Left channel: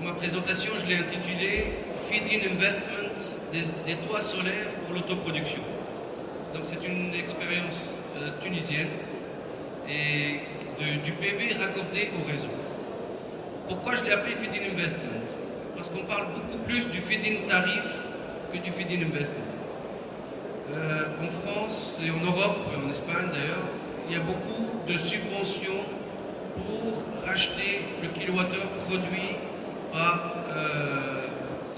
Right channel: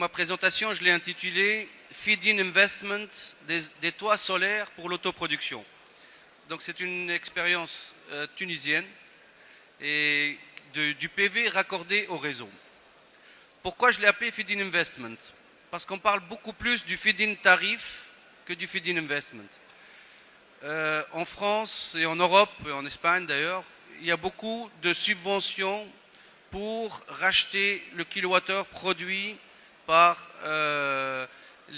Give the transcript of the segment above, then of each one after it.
ma présentation, je l'ai intitulée Feed-in Investment des toits solaires pour l'autoproduction. Donc c'est une expérience tunisienne et du PV raccordé au réseau. Pourquoi je l'ai appelé Feed-in Investment? Parce qu'on parle beaucoup plus du feed-in tarif que du feed-in investment. En France et en Europe, et en Espagne d'ailleurs, il y a beaucoup de subventions pour racheter le kilowattheure produit par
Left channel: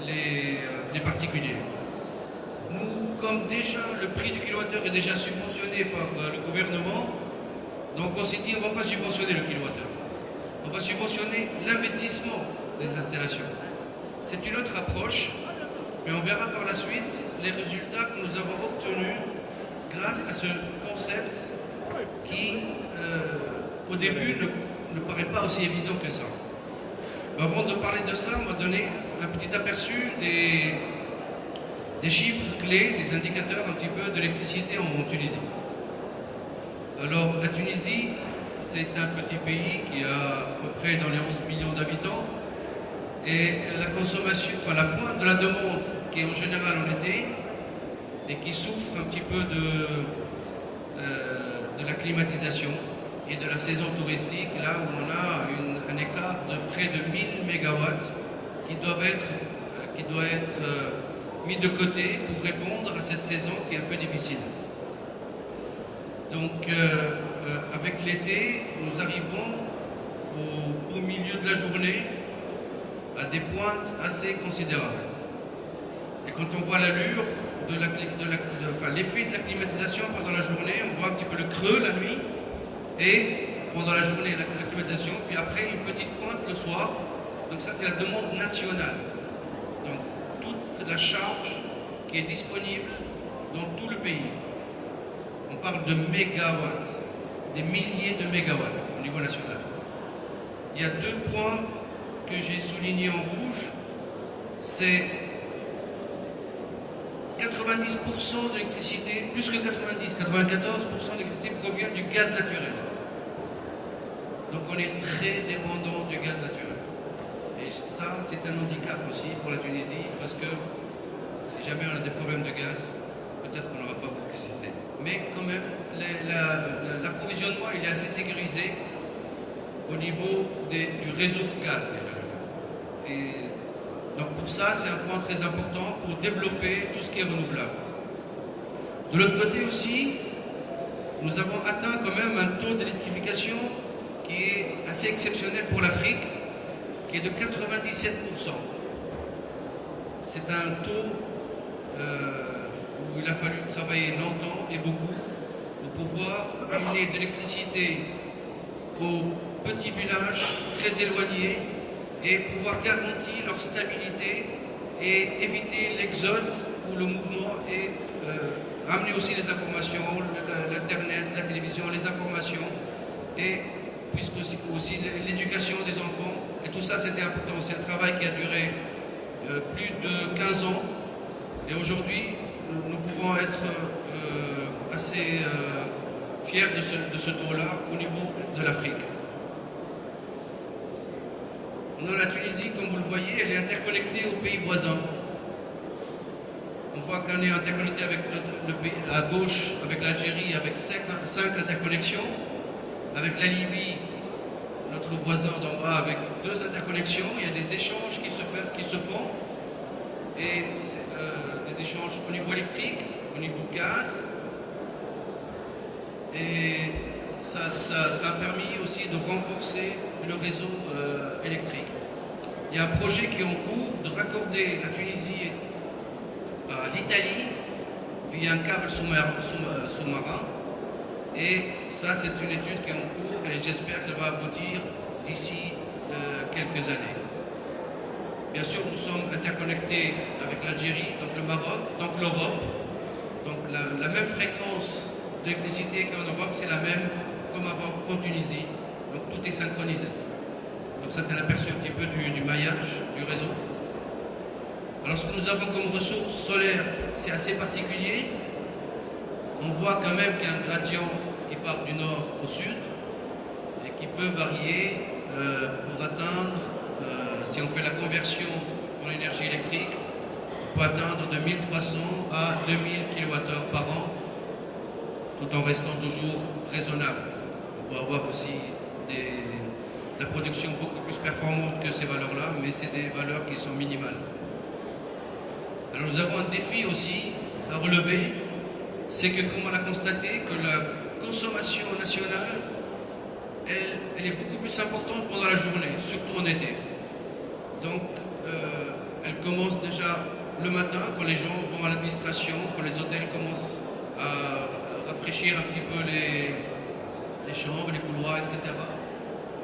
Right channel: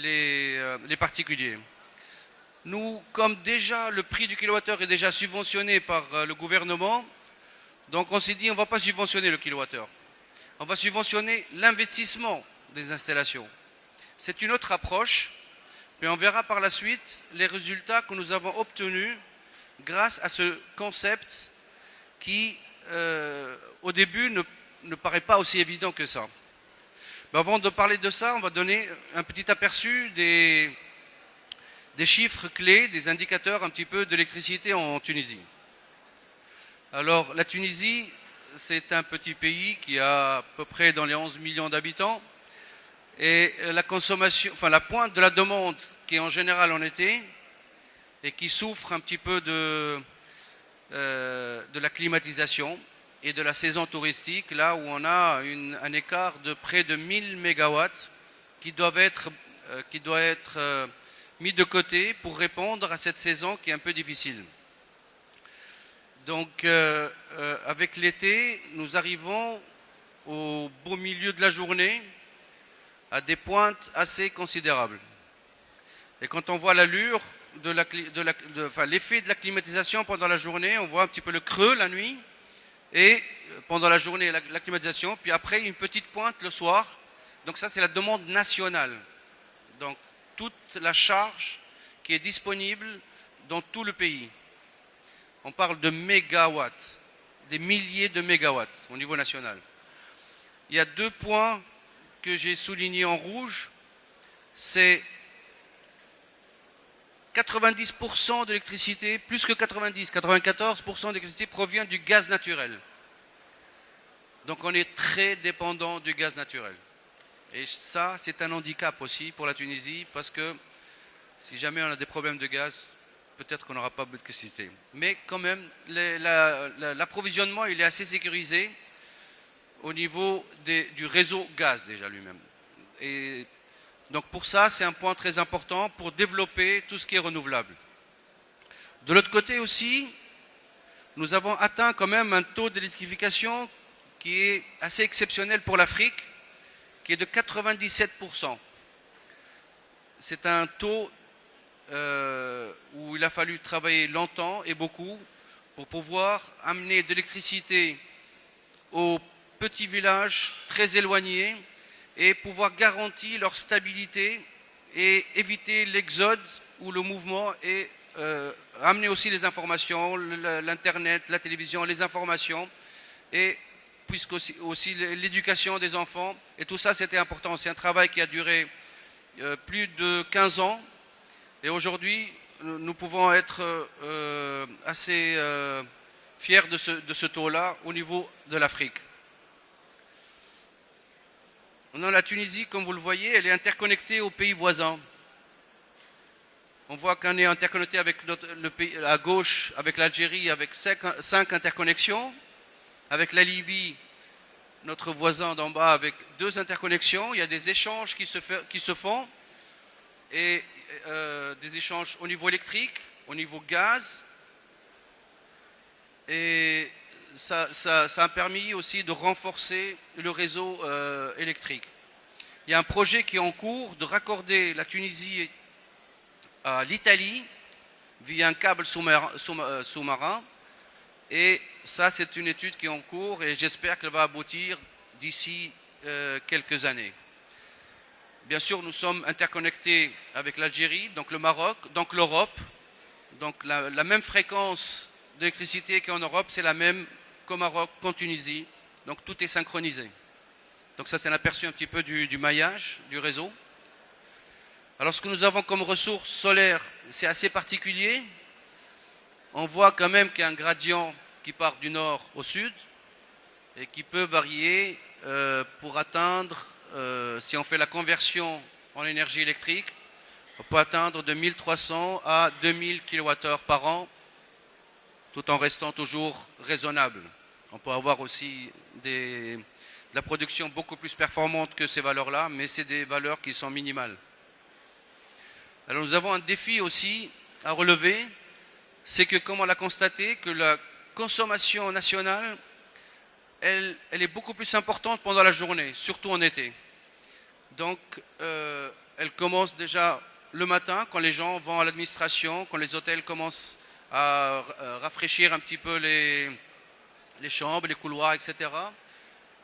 les particuliers. Nous, comme déjà le prix du kilowattheure est déjà subventionné par le gouvernement, donc on s'est dit on ne va pas subventionner le kilowattheure. On va subventionner l'investissement des installations. C'est une autre approche, mais on verra par la suite les résultats que nous avons obtenus grâce à ce concept qui, au début, ne paraît pas aussi évident que ça. Mais avant de parler de ça, on va donner un petit aperçu des chiffres clés, des indicateurs un petit peu de l'électricité en Tunisie. Alors, la Tunisie, c'est un petit pays qui a à peu près dans les 11 millions d'habitants. Et la consommation, enfin la pointe de la demande qui est en général en été et qui souffre un petit peu de la climatisation et de la saison touristique, là où on a un écart de près de 1000 MW qui doit être mis de côté pour répondre à cette saison qui est un peu difficile. Donc avec l'été, nous arrivons au milieu de la journée à des pointes assez considérables. Et quand on voit l'allure l'effet de la climatisation pendant la journée, on voit un petit peu le creux la nuit, et pendant la journée la climatisation, puis après une petite pointe le soir. Donc ça c'est la demande nationale. Donc toute la charge qui est disponible dans tout le pays. On parle de mégawatts, des milliers de mégawatts au niveau national. Il y a deux points que j'ai souligné en rouge, c'est 90% d'électricité, plus que 90, 94% d'électricité provient du gaz naturel. Donc on est très dépendant du gaz naturel. Et ça, c'est un handicap aussi pour la Tunisie, parce que si jamais on a des problèmes de gaz, peut-être qu'on n'aura pas d'électricité. Mais quand même, l'approvisionnement, il est assez sécurisé au niveau du réseau gaz déjà. Et donc pour ça, c'est un point très important pour développer tout ce qui est renouvelable. De l'autre côté aussi, nous avons atteint quand même un taux d'électrification qui est assez exceptionnel pour l'Afrique, qui est de 97%. C'est un taux où il a fallu travailler longtemps et beaucoup pour pouvoir amener de l'électricité aux petits villages très éloignés et pouvoir garantir leur stabilité et éviter l'exode ou le mouvement et amener aussi les informations, l'internet, la télévision, les informations et puisque aussi l'éducation des enfants. Et tout ça c'était important. C'est un travail qui a duré plus de 15 ans et aujourd'hui nous pouvons être assez fiers de ce taux-là au niveau de l'Afrique. La Tunisie, comme vous le voyez, elle est interconnectée aux pays voisins. On voit qu'on est interconnecté avec le pays à gauche, avec l'Algérie, avec 5 interconnexions, avec la Libye, notre voisin d'en bas, avec 2 interconnexions. Il y a des échanges qui se font, et des échanges au niveau électrique, au niveau gaz. Et ça a permis aussi de renforcer le réseau électrique. Il y a un projet qui est en cours de raccorder la Tunisie à l'Italie via un câble sous-marin. Et ça, c'est une étude qui est en cours et j'espère qu'elle va aboutir d'ici quelques années. Bien sûr, nous sommes interconnectés avec l'Algérie, donc le Maroc, donc l'Europe. Donc la même fréquence d'électricité qu'en Europe, c'est la même qu'au Maroc, qu'en Tunisie. Donc tout est synchronisé. Donc ça, c'est un aperçu un petit peu du maillage du réseau. Alors ce que nous avons comme ressources solaires, c'est assez particulier. On voit quand même qu'il y a un gradient qui part du nord au sud et qui peut varier pour atteindre si on fait la conversion en énergie électrique, on peut atteindre de 1300 à 2000 kWh par an, tout en restant toujours raisonnable. On peut avoir aussi la production beaucoup plus performante que ces valeurs-là, mais c'est des valeurs qui sont minimales. Alors nous avons un défi aussi à relever, c'est que, comme on l'a constaté, que la consommation nationale, elle est beaucoup plus importante pendant la journée, surtout en été. Donc, elle commence déjà le matin, quand les gens vont à l'administration, quand les hôtels commencent à rafraîchir un petit peu les chambres, les couloirs, etc.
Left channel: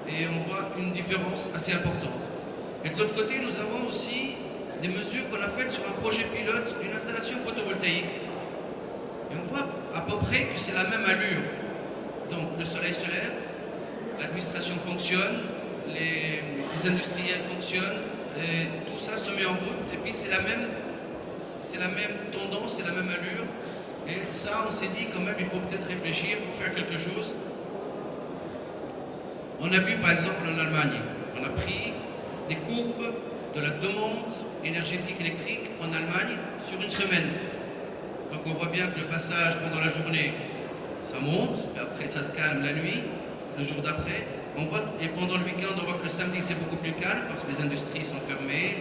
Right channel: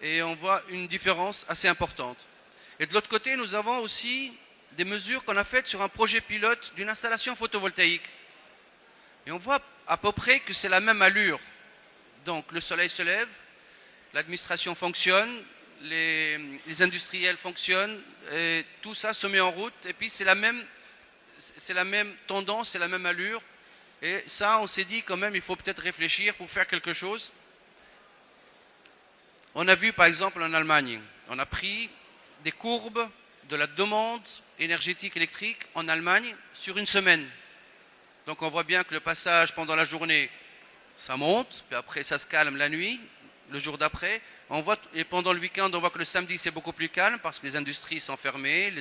Et on voit une différence assez importante. Et de l'autre côté, nous avons aussi des mesures qu'on a faites sur un projet pilote d'une installation photovoltaïque. Et on voit à peu près que c'est la même allure. Donc le soleil se lève, l'administration fonctionne, les industriels fonctionnent, et tout ça se met en route. Et puis c'est la même tendance, c'est la même allure. Et ça, on s'est dit quand même, il faut peut-être réfléchir pour faire quelque chose. On a vu par exemple en Allemagne, on a pris des courbes de la demande énergétique électrique en Allemagne sur une semaine. Donc on voit bien que le passage pendant la journée, ça monte, puis après ça se calme la nuit, le jour d'après. Et pendant le week-end, on voit que le samedi c'est beaucoup plus calme parce que les industries sont fermées,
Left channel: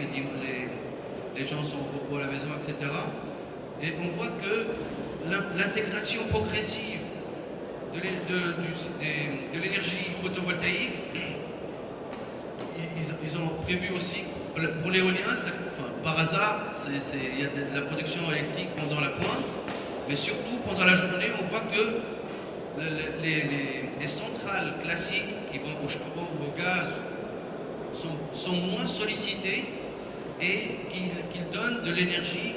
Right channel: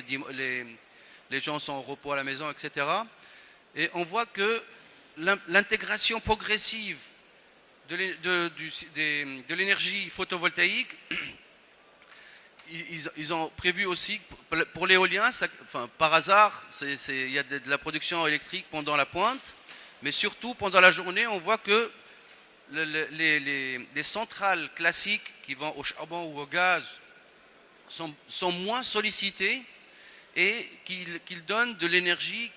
les gens sont au repos à la maison, etc. Et on voit que l'intégration progressive de l'énergie photovoltaïque, ils ont prévu aussi, pour l'éolien, par hasard, il y a de la production électrique pendant la pointe, mais surtout pendant la journée, on voit que les centrales classiques qui vont au charbon ou au gaz sont moins sollicitées et qu'ils donnent de l'énergie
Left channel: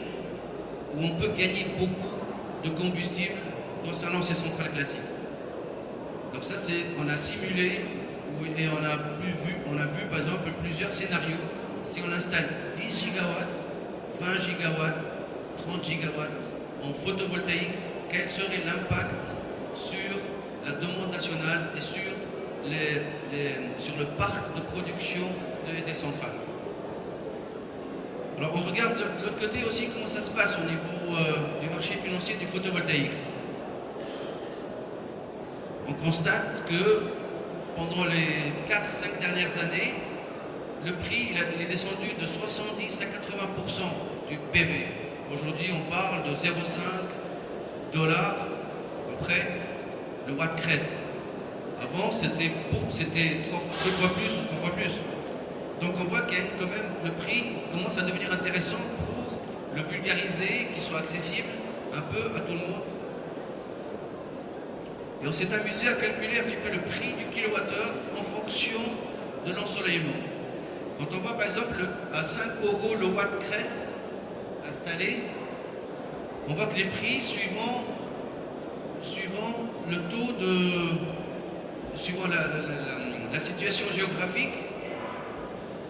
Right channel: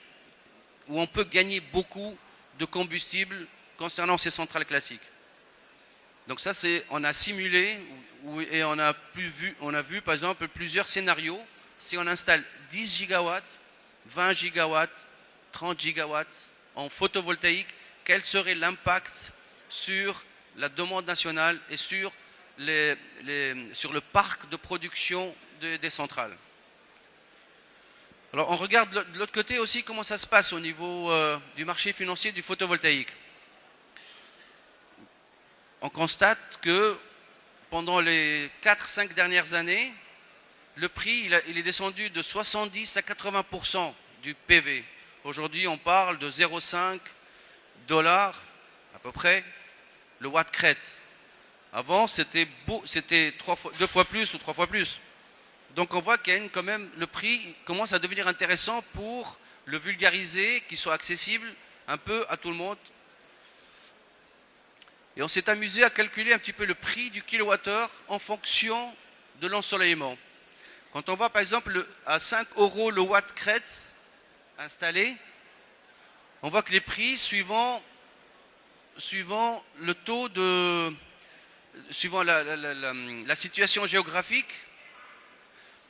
où on peut gagner beaucoup de combustible concernant ces centrales classiques. Donc ça, on a simulé et on a vu par exemple plusieurs scénarios. Si on installe 10 gigawatts, 20 gigawatts, 30 gigawatts en photovoltaïque, quel serait l'impact sur la demande nationale et sur le parc de production des centrales. Alors on regarde de l'autre côté aussi comment ça se passe au niveau du marché financier du photovoltaïque. On constate que pendant les 4-5 dernières années, le prix il est descendu de 70 à 80% du PV. Aujourd'hui, on parle de 0,5 $ à peu près le watt crête. Avant, c'était 2 fois plus ou 3 fois plus. Donc on voit que quand même le prix commence à devenir intéressant pour le vulgariser, qu'il soit accessible un peu à tout le monde. Et on s'est amusé à calculer un petit peu le prix du kilowattheure en fonction de l'ensoleillement. Quand on voit par exemple à 5 € le watt crête installé, on voit que les prix suivant le taux suivant la situation géographique,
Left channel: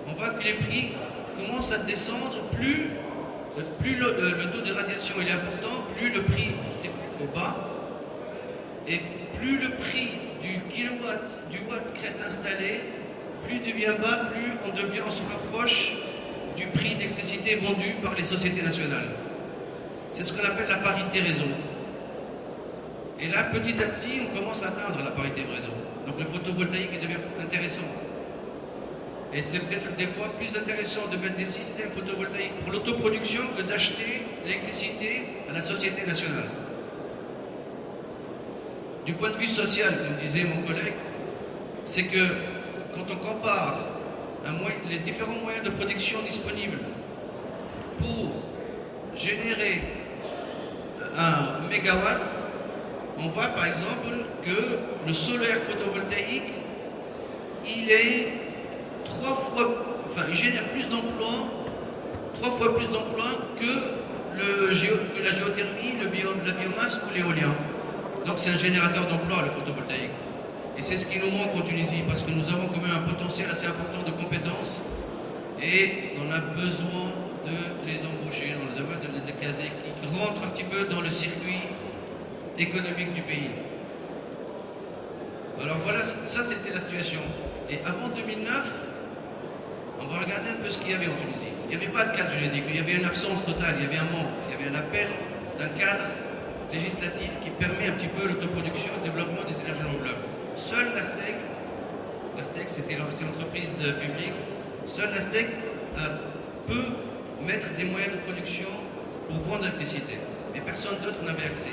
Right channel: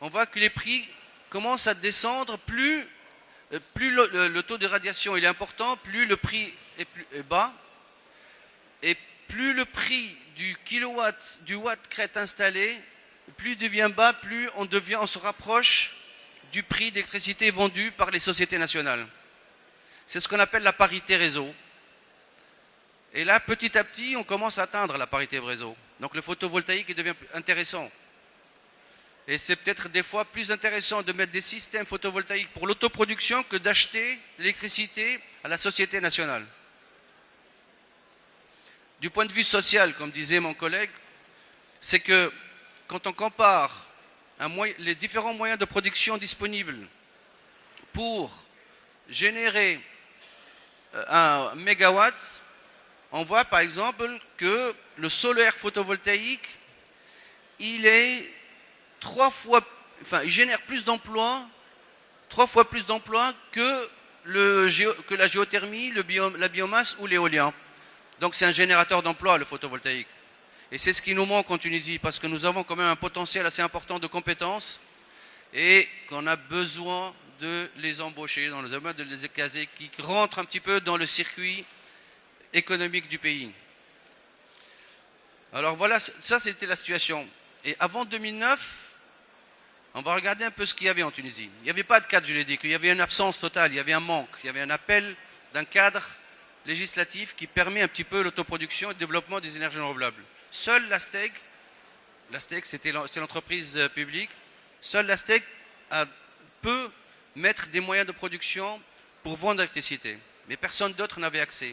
on voit que les prix commencent à descendre, plus le taux de radiation est important, plus le prix est bas, et plus le prix du watt crête installé, plus il devient bas, plus on se rapproche du prix d'électricité vendu par les sociétés nationales. C'est ce qu'on appelle la parité réseau. Et là, petit à petit, on commence à atteindre la parité réseau. Donc le photovoltaïque devient intéressant. Et c'est peut-être des fois plus intéressant de mettre des systèmes photovoltaïques pour l'autoproduction que d'acheter l'électricité à la société nationale. Du point de vue social, comme disait mon collègue, c'est que quand on compare les différents moyens de production disponibles pour générer un mégawatt, on voit par exemple que le solaire photovoltaïque, il génère plus d'emplois, 3 fois plus d'emplois que la géothermie, la biomasse ou l'éolien. Donc c'est un générateur d'emplois, le photovoltaïque. Et c'est ce qui nous manque en Tunisie, parce que nous avons quand même un potentiel assez important de compétences et on a besoin de les embaucher, de les caser, qui rentrent un petit peu dans le circuit économique du pays. Alors voilà, ça c'était la situation. Et avant 2009, On va regarder un peu ce qu'il y avait en Tunisie. Il n'y avait pas de cadre juridique, il y avait une absence totale, il y avait un manque, il y avait un appel d'un cadre législatif qui permet un petit peu l'autoproduction et le développement des énergies renouvelables. Seule la STEC c'est l'entreprise publique, seule la STEC peut mettre des moyens de production pour vendre l'électricité. Mais personne d'autre n'avait accès,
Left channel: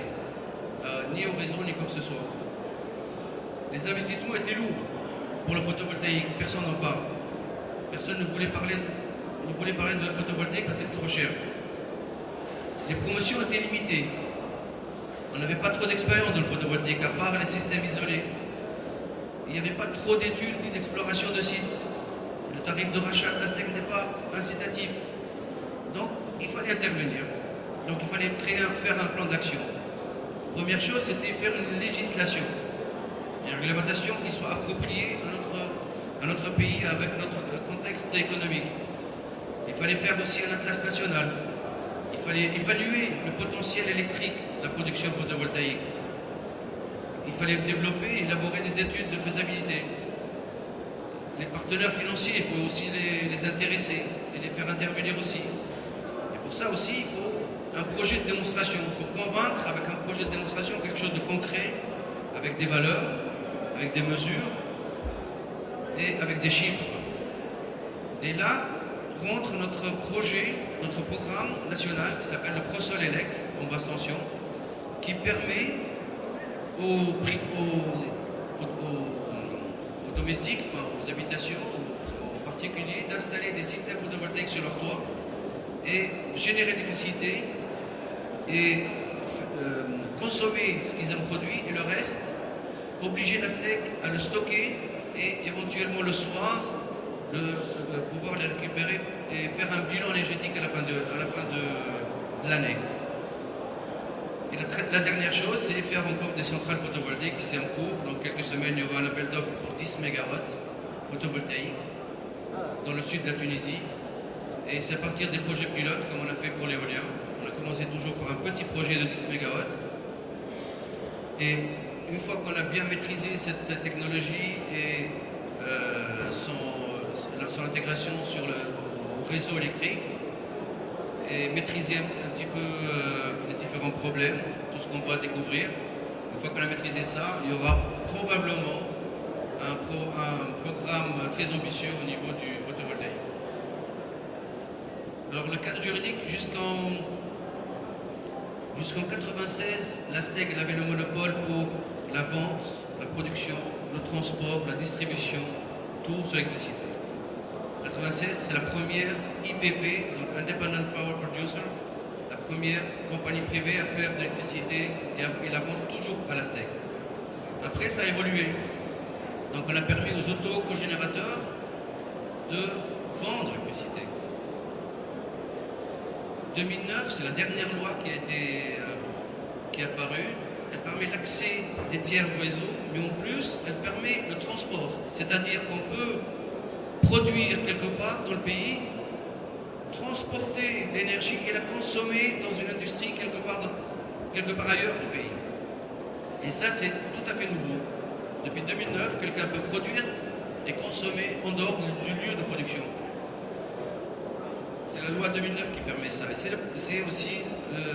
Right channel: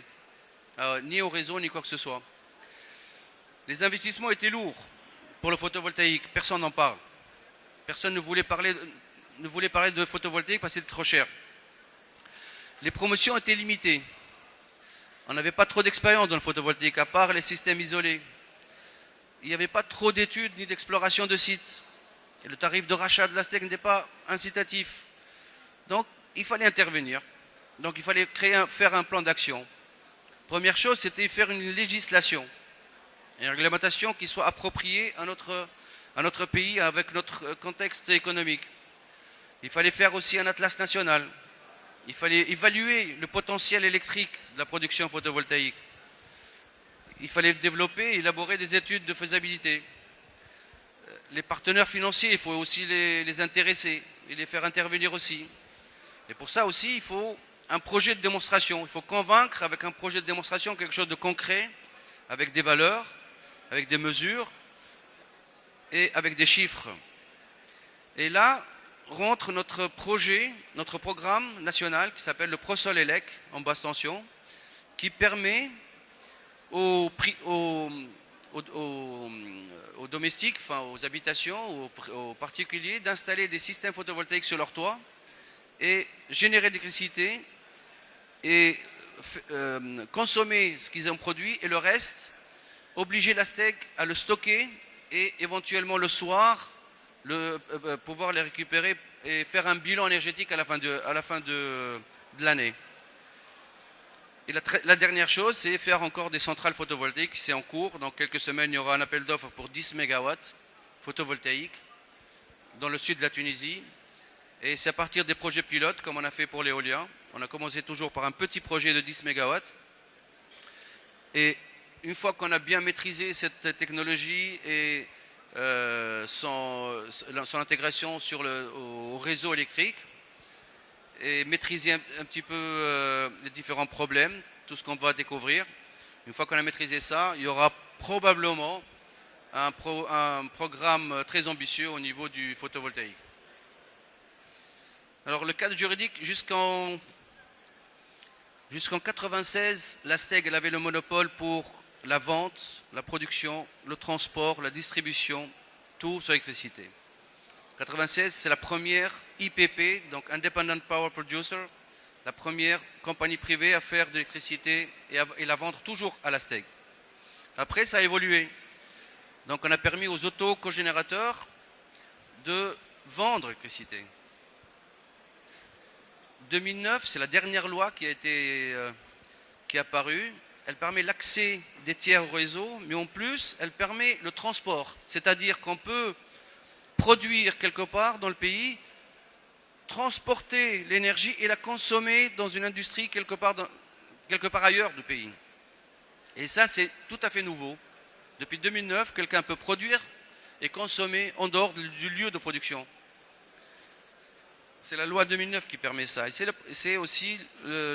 ni au réseau, ni quoi que ce soit. Les investissements étaient lourds pour le photovoltaïque, personne n'en parle. Personne ne voulait parler de photovoltaïque parce que c'était trop cher. Les promotions étaient limitées. On n'avait pas trop d'expérience dans le photovoltaïque, à part les systèmes isolés. Il n'y avait pas trop d'études ni d'exploration de sites. Le tarif de rachat de la STEC n'est pas incitatif. Donc, il fallait intervenir. Donc, il fallait faire un plan d'action. Première chose, c'était faire une législation. Une réglementation qui soit appropriée à notre pays, avec notre contexte économique. Il fallait faire aussi un atlas national. Il fallait évaluer le potentiel électrique de la production photovoltaïque. Il fallait développer et élaborer des études de faisabilité. Les partenaires financiers, il faut aussi les intéresser et les faire intervenir aussi. Et pour ça aussi, il faut un projet de démonstration. Il faut convaincre avec un projet de démonstration quelque chose de concret, avec des valeurs, avec des mesures et avec des chiffres. Et là rentre notre projet, notre programme national qui s'appelle le ProSolElec en basse tension, qui permet aux domestiques, enfin aux habitations, aux particuliers d'installer des systèmes photovoltaïques sur leur toit et générer l'électricité et consommer ce qu'ils ont produit et le reste, obliger la STEC à le stocker et éventuellement le soir pouvoir les récupérer et faire un bilan énergétique à la fin de l'année. Et la dernière chose, c'est faire encore des centrales photovoltaïques qui c'est en cours. Dans quelques semaines, il y aura un appel d'offres pour 10 MW photovoltaïques dans le sud de la Tunisie. Et c'est à partir des projets pilotes, comme on a fait pour l'éolien. On a commencé toujours par un petit projet de 10 MW. Et une fois qu'on a bien maîtrisé cette technologie et son intégration au réseau électrique, et maîtriser un petit peu les différents problèmes, tout ce qu'on va découvrir. Une fois qu'on a maîtrisé ça, il y aura probablement un programme très ambitieux au niveau du photovoltaïque. Alors le cadre juridique, jusqu'en 96, la STEC elle avait le monopole pour la vente, la production, le transport, la distribution, tout sur l'électricité. 96, c'est la première IPP, donc Independent Power Producer, la première compagnie privée à faire de l'électricité et la vente toujours à la STEC. Après, ça a évolué. Donc on a permis aux auto-cogénérateurs de vendre l'électricité. 2009, c'est la dernière loi qui est apparue. Elle permet l'accès des tiers au réseau, mais en plus, elle permet le transport. C'est-à-dire qu'on peut produire quelque part dans le pays, transporter l'énergie et la consommer dans une industrie quelque part ailleurs dans le pays. Et ça, c'est tout à fait nouveau. Depuis 2009, quelqu'un peut produire et consommer en dehors du lieu de production. C'est la loi 2009 qui permet ça. Et c'est aussi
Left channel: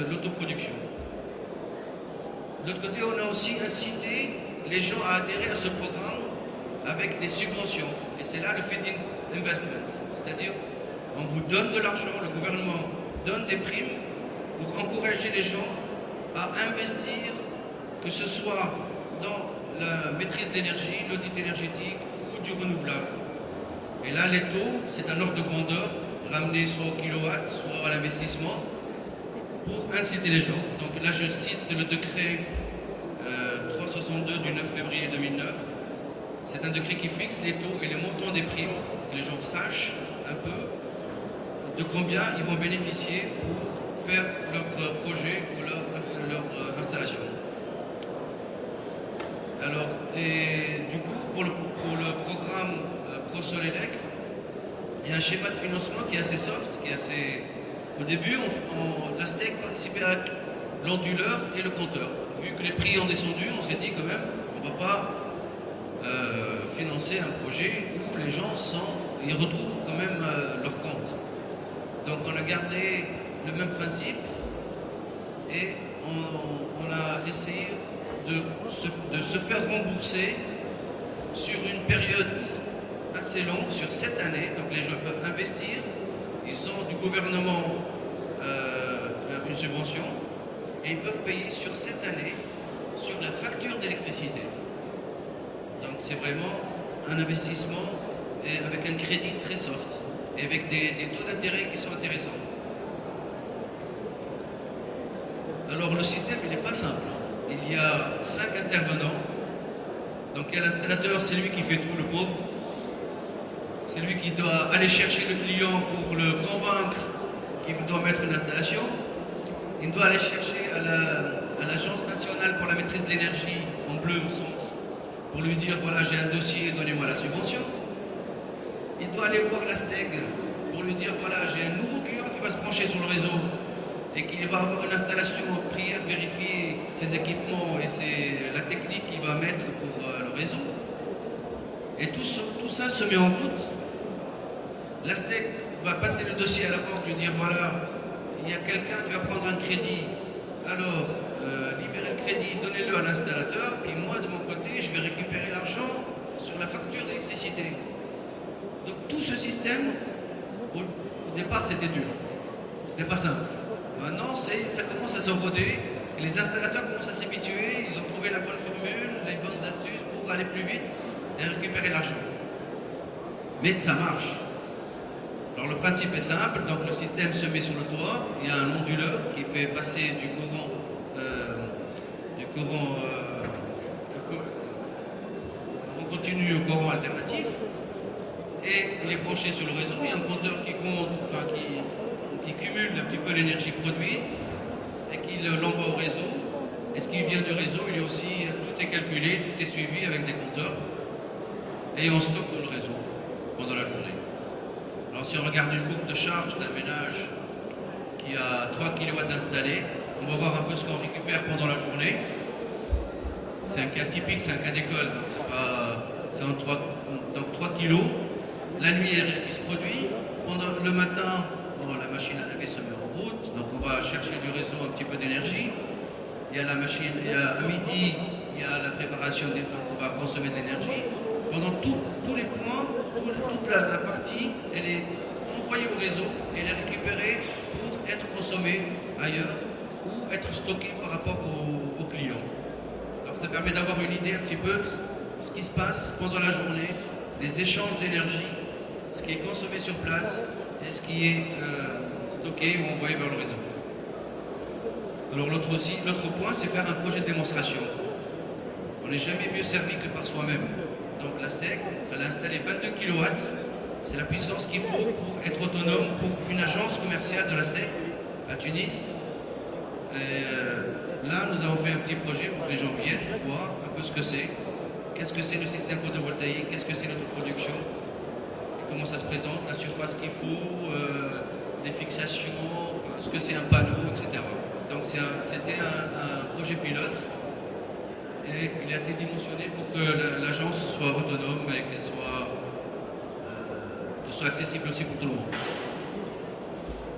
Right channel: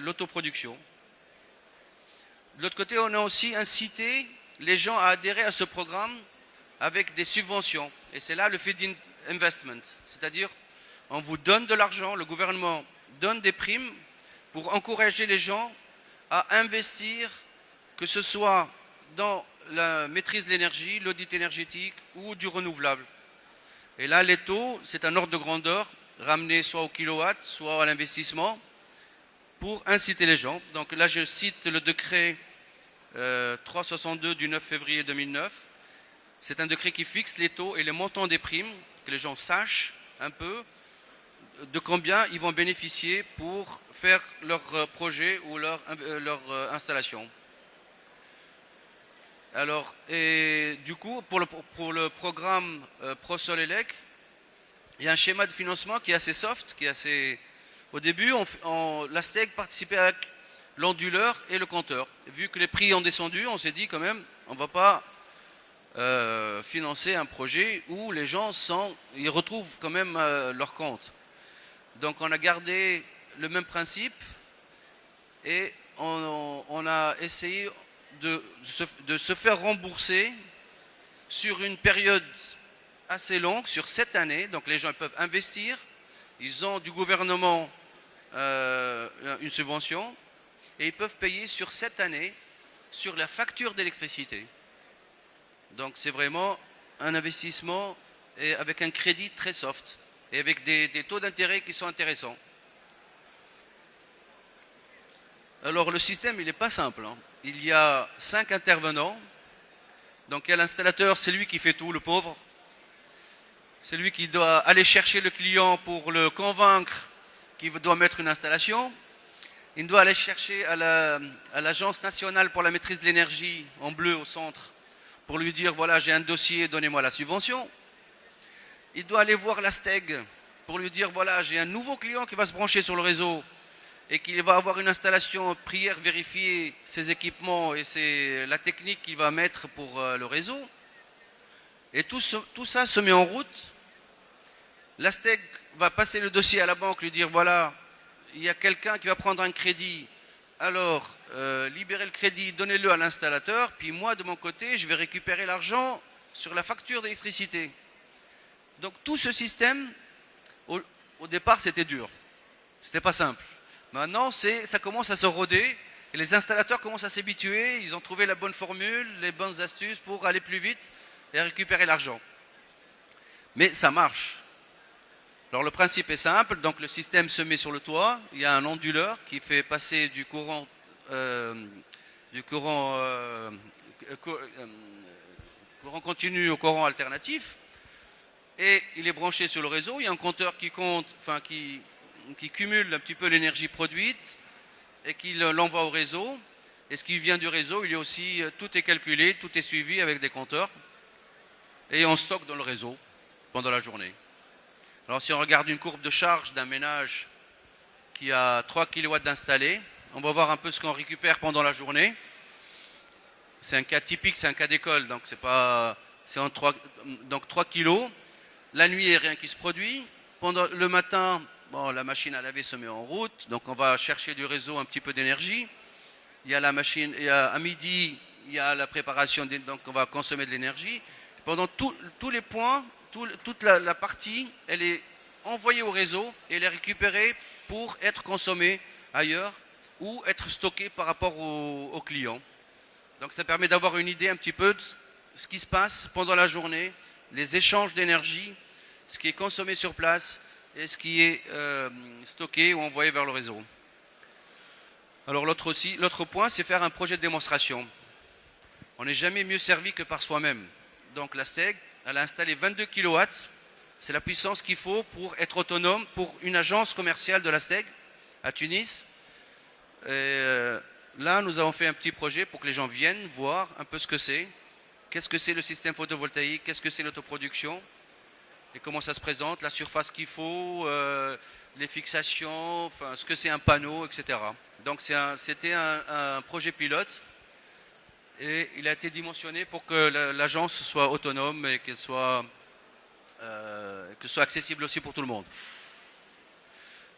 l'autoproduction. De l'autre côté, on a aussi incité les gens à adhérer à ce programme avec des subventions. Et c'est là le feed-in investment. C'est-à-dire, on vous donne de l'argent, le gouvernement donne des primes pour encourager les gens à investir, que ce soit dans la maîtrise de l'énergie, l'audit énergétique ou du renouvelable. Et là, les taux, c'est un ordre de grandeur ramené soit au kilowatt, soit à l'investissement, pour inciter les gens. Donc là, je cite le décret 362 du 9 février 2009. C'est un décret qui fixe les taux et le montant des primes, que les gens sachent un peu de combien ils vont bénéficier pour faire leur projet ou leur installation. Alors, et du coup, pour le programme ProSolElec, il y a un schéma de financement qui est assez soft, qui est assez... Au début, la STEC participait avec l'onduleur et le compteur. Vu que les prix ont descendu, on s'est dit quand même, on ne va pas financer un projet où les gens ils retrouvent quand même leur compte. Donc on a gardé le même principe et on a essayé de se faire rembourser sur une période assez longue, sur 7 années. Donc les gens peuvent investir, ils ont du gouvernement une subvention et ils peuvent payer sur 7 années sur la facture d'électricité. Donc c'est vraiment un investissement et avec un crédit très soft et avec des taux d'intérêt qui sont intéressants. Alors le système il n'est pas simple. Il y a 5 intervenants. Donc il y a l'installateur, c'est lui qui fait tout, le pauvre. C'est lui qui doit aller chercher le client pour le convaincre qu'il doit mettre une installation. Il doit aller chercher à l'Agence nationale pour la maîtrise de l'énergie, en bleu au centre, pour lui dire voilà j'ai un dossier, donnez-moi la subvention. Il doit aller voir la STEG pour lui dire voilà j'ai un nouveau client qui va se brancher sur le réseau et qu'il va avoir une installation prière, vérifier ses équipements et la technique qu'il va mettre pour le réseau. Et tout ça se met en route. La STEC va passer le dossier à la banque, lui dire voilà, il y a quelqu'un qui va prendre un crédit, alors libérez le crédit, donnez-le à l'installateur, et moi de mon côté, je vais récupérer l'argent sur la facture d'électricité. Donc tout ce système, au départ c'était dur, c'était pas simple. Maintenant ça commence à se roder, et les installateurs commencent à s'habituer, ils ont trouvé la bonne formule, les bonnes astuces pour aller plus vite et récupérer l'argent. Mais ça marche. Alors le principe est simple, donc le système se met sur le toit, il y a un onduleur qui fait passer du courant en continu au courant alternatif, et il est branché sur le réseau, il y a un compteur qui compte, qui cumule un petit peu l'énergie produite et qui l'envoie au réseau, et ce qui vient du réseau, il est aussi, tout est calculé, tout est suivi avec des compteurs, et on stocke dans le réseau pendant la journée. Alors si on regarde une courbe de charge d'un ménage qui a 3 kW installés, on va voir un peu ce qu'on récupère pendant la journée. C'est un cas typique, c'est un cas d'école, donc c'est en 3 kg. La nuit, il se produit. Pendant le matin, la machine à laver se met en route, donc on va chercher du réseau un petit peu d'énergie. Il y a la machine, à midi, il y a la préparation, donc on va consommer de l'énergie. Pendant tous les points, toute la partie, elle est envoyée au réseau et elle est récupérée pour être consommée ailleurs ou être stockée par rapport aux clients. Donc ça permet d'avoir une idée un petit peu de ce qui se passe pendant la journée, les échanges d'énergie, ce qui est consommé sur place et ce qui est stocké ou envoyé vers le réseau. Alors l'autre point, c'est faire un projet de démonstration. On n'est jamais mieux servi que par soi-même. Donc la STEC, elle a installé 22 kW, c'est la puissance qu'il faut pour être autonome pour une agence commerciale de la STEC à Tunis. Et là, nous avons fait un petit projet pour que les gens viennent voir un peu ce que c'est. Qu'est-ce que c'est le système photovoltaïque, qu'est-ce que c'est l'autoproduction, et comment ça se présente, la surface qu'il faut, les fixations, ce que c'est un panneau, etc. Donc c'était un projet pilote. Et il a été dimensionné pour que l'agence soit autonome et qu'elle soit accessible aussi pour tout le monde.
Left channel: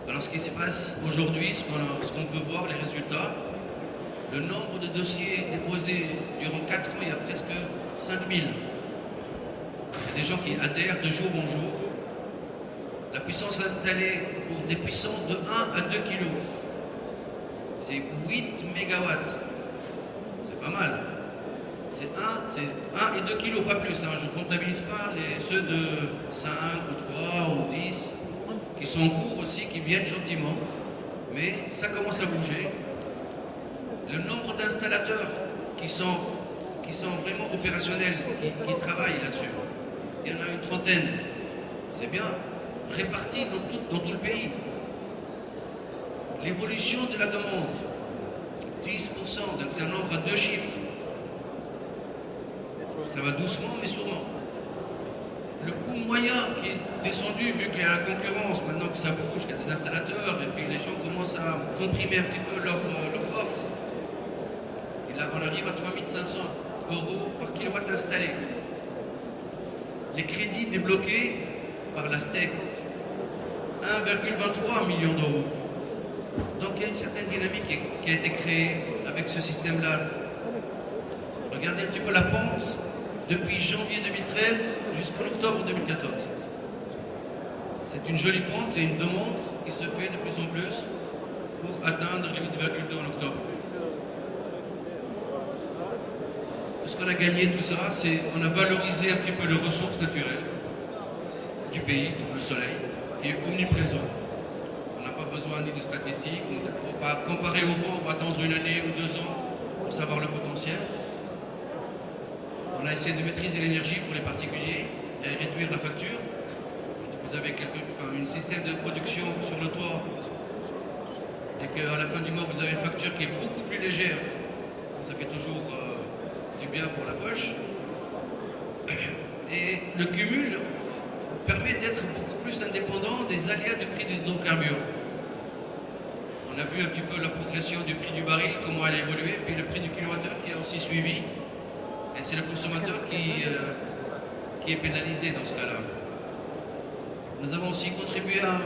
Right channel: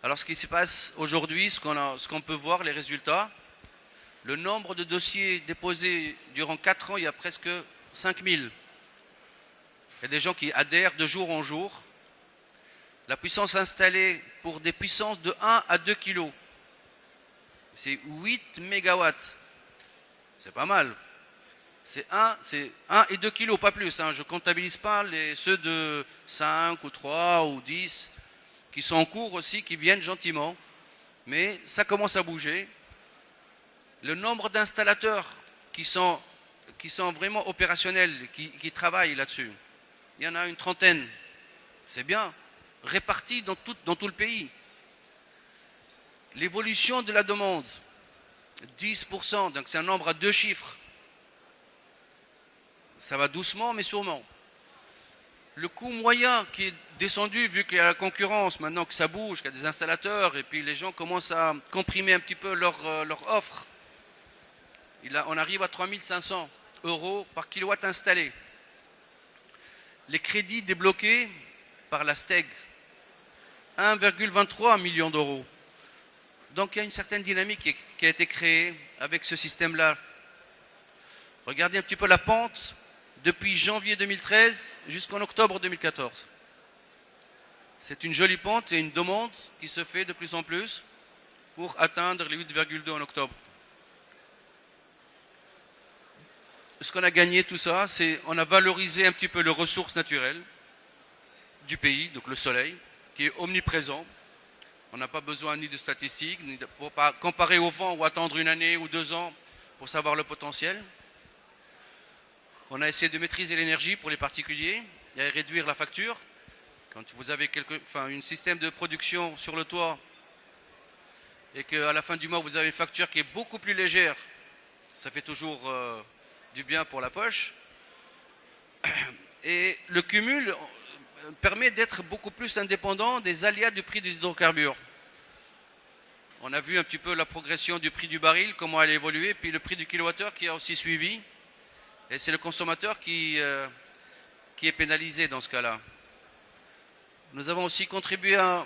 Alors ce qui se passe aujourd'hui, ce qu'on peut voir, les résultats, le nombre de dossiers déposés durant 4 ans, il y a presque 5000. Il y a des gens qui adhèrent de jour en jour. La puissance installée pour des puissances de 1 à 2 kg, c'est 8 MW. C'est pas mal. C'est 1 et 2 kilos, pas plus. Je ne comptabilise pas ceux de 5 ou 3 ou 10 qui sont en cours aussi, qui viennent gentiment. Mais ça commence à bouger. Le nombre d'installateurs qui sont vraiment opérationnels, qui travaillent là-dessus, il y en a une trentaine. C'est bien, répartis dans tout le pays. L'évolution de la demande, 10%, donc c'est un nombre à 2 chiffres. Ça va doucement mais sûrement. Le coût moyen qui est descendu, vu qu'il y a la concurrence, maintenant que ça bouge, qu'il y a des installateurs, et puis les gens commencent à comprimer un petit peu leur offre. Et là, on arrive à 3500 € par kilowatt installé. Les crédits débloqués, par la STEC 1,23 million d'euros. Donc il y a une certaine dynamique qui a été créée avec ce système-là. Regardez un petit peu la pente depuis janvier 2013 jusqu'en octobre 2014. C'est une jolie pente et une demande qui se fait de plus en plus pour atteindre les 8,2 en octobre. Ce qu'on a gagné tout ça, c'est qu'on a valorisé un petit peu les ressources naturelles du pays, donc le soleil, qui est omniprésent. On n'a pas besoin ni de statistiques, ni de comparer au vent ou attendre une année ou 2 ans pour savoir le potentiel. On a essayé de maîtriser l'énergie pour les particuliers et réduire la facture. Quand vous avez un système de production sur le toit et qu'à la fin du mois vous avez une facture qui est beaucoup plus légère, ça fait toujours du bien pour la poche. Et le cumul permet d'être beaucoup plus indépendant des aléas du prix des hydrocarbures. On a vu un petit peu la progression du prix du baril, comment elle a évolué, puis le prix du kilowattheure qui a aussi suivi. Et c'est le consommateur qui est pénalisé dans ce cas-là. Nous avons aussi contribué à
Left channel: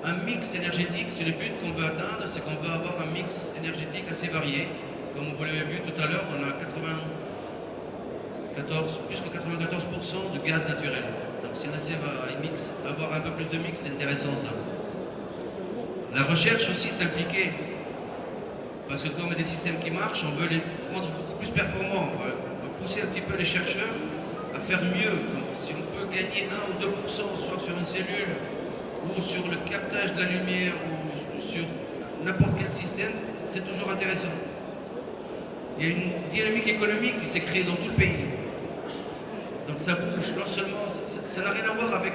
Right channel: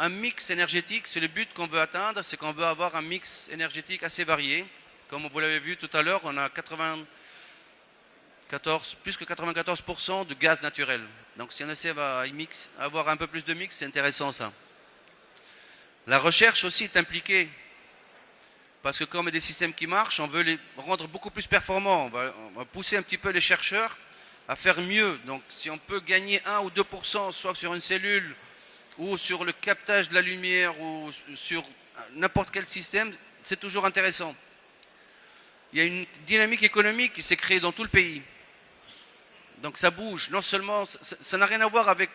un mix énergétique. C'est le but qu'on veut atteindre, c'est qu'on veut avoir un mix énergétique assez varié. Comme vous l'avez vu tout à l'heure, on a plus que 94% de gaz naturel. Donc si on essaie à avoir un peu plus de mix, c'est intéressant ça. La recherche aussi est impliquée. Parce que comme il y a des systèmes qui marchent, on veut les rendre beaucoup plus performants. On va pousser un petit peu les chercheurs à faire mieux. Donc si on peut gagner 1 ou 2%, soit sur une cellule, ou sur le captage de la lumière, ou sur n'importe quel système, c'est toujours intéressant. Il y a une dynamique économique qui s'est créée dans tout le pays. Donc ça bouge. Non seulement, ça n'a rien à voir avec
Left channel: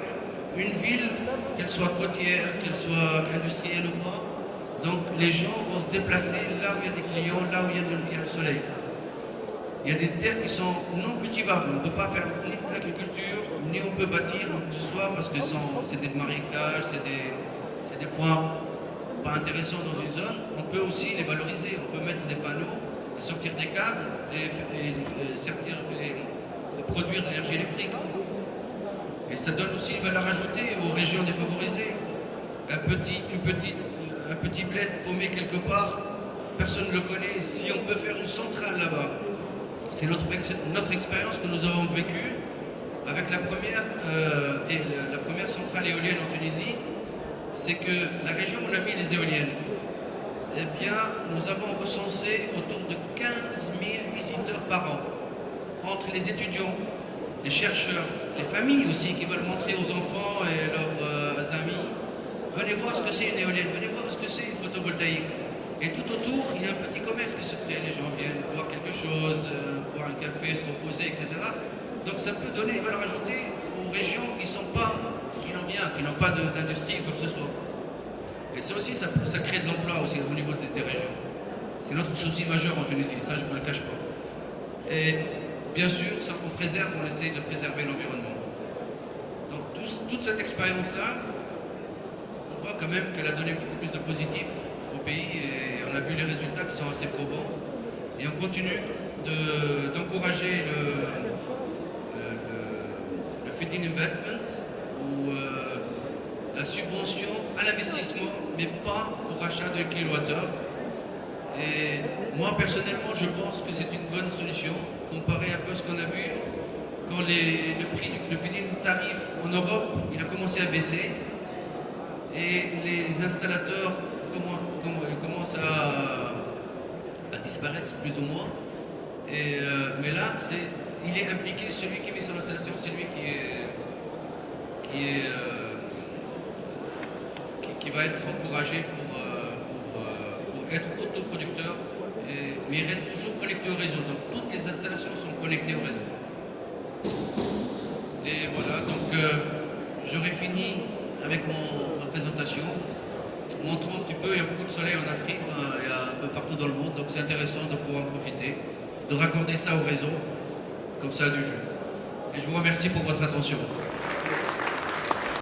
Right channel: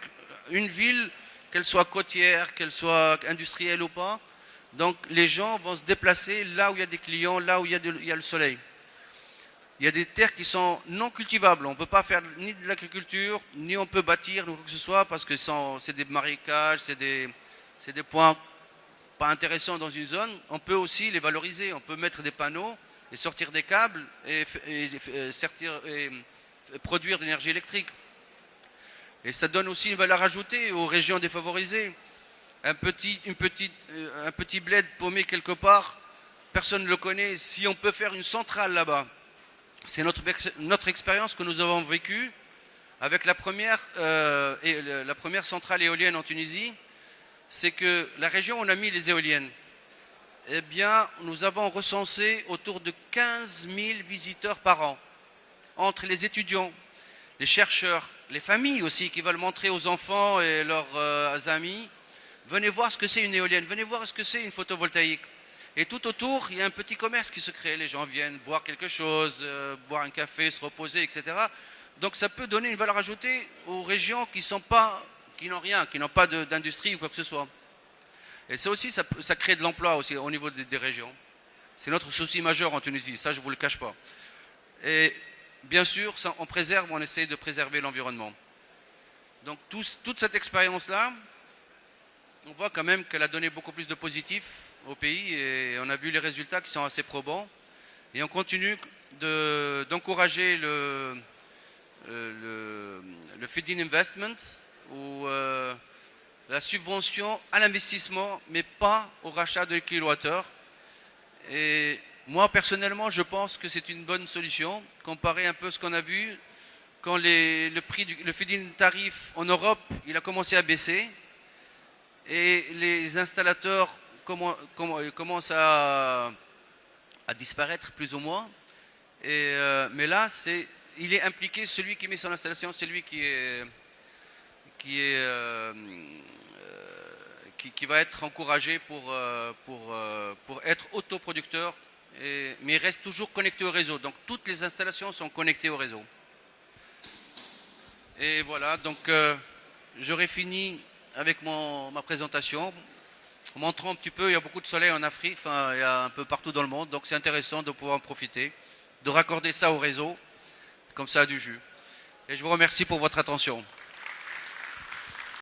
une ville, qu'elle soit côtière, qu'elle soit industrielle ou pas. Donc les gens vont se déplacer là où il y a des clients, là où il y a le soleil. Il y a des terres qui sont non cultivables. On ne peut pas faire ni de l'agriculture, ni on peut bâtir ou que ce soit parce que c'est des marécages, c'est des points pas intéressants dans une zone. On peut aussi les valoriser. On peut mettre des panneaux et sortir des câbles et produire de l'énergie électrique. Et ça donne aussi une valeur ajoutée aux régions défavorisées. Un petit bled paumé quelque part, personne ne le connaît. Si on peut faire une centrale là-bas, c'est notre expérience que nous avons vécue avec la première centrale éolienne en Tunisie, c'est que la région où on a mis les éoliennes, eh bien, nous avons recensé autour de 15 000 visiteurs par an, entre les étudiants, les chercheurs, les familles aussi qui veulent montrer aux enfants et leurs amis. Venez voir ce que c'est une éolienne, venez voir ce que c'est une photovoltaïque. Et tout autour, il y a un petit commerce qui se crée. Les gens viennent boire quelque chose, boire un café, se reposer, etc. Donc ça peut donner une valeur ajoutée aux régions qui n'ont rien, qui n'ont pas d'industrie ou quoi que ce soit. Et ça aussi, ça crée de l'emploi aussi au niveau des régions. C'est notre souci majeur en Tunisie, ça je ne vous le cache pas. Et bien sûr, on essaie de préserver l'environnement. Donc toute cette expérience-là, on voit quand même qu'elle a donné beaucoup plus de positif au pays et on a vu les résultats qui sont assez probants. Et on continue d'encourager le feed-in investment ou la subvention à l'investissement, mais pas au rachat d'un kilowattheure. Et moi personnellement, je pense que c'est une bonne solution, comparé un peu ce qu'on a vu quand le prix du feed-in tarif en Europe, il a commencé à baisser. Et les installateurs commencent à disparaître plus ou moins. Mais là, il est impliqué, celui qui met son installation, c'est lui qui va être encouragé pour être autoproducteur. Mais il reste toujours connecté au réseau. Donc toutes les installations sont connectées au réseau. Et voilà, donc j'aurais fini avec ma présentation, montrant un petit peu, il y a beaucoup de soleil en Afrique, il y a un peu partout dans le monde, donc c'est intéressant de pouvoir en profiter, de raccorder ça au réseau, comme ça a du jus. Et je vous remercie pour votre attention.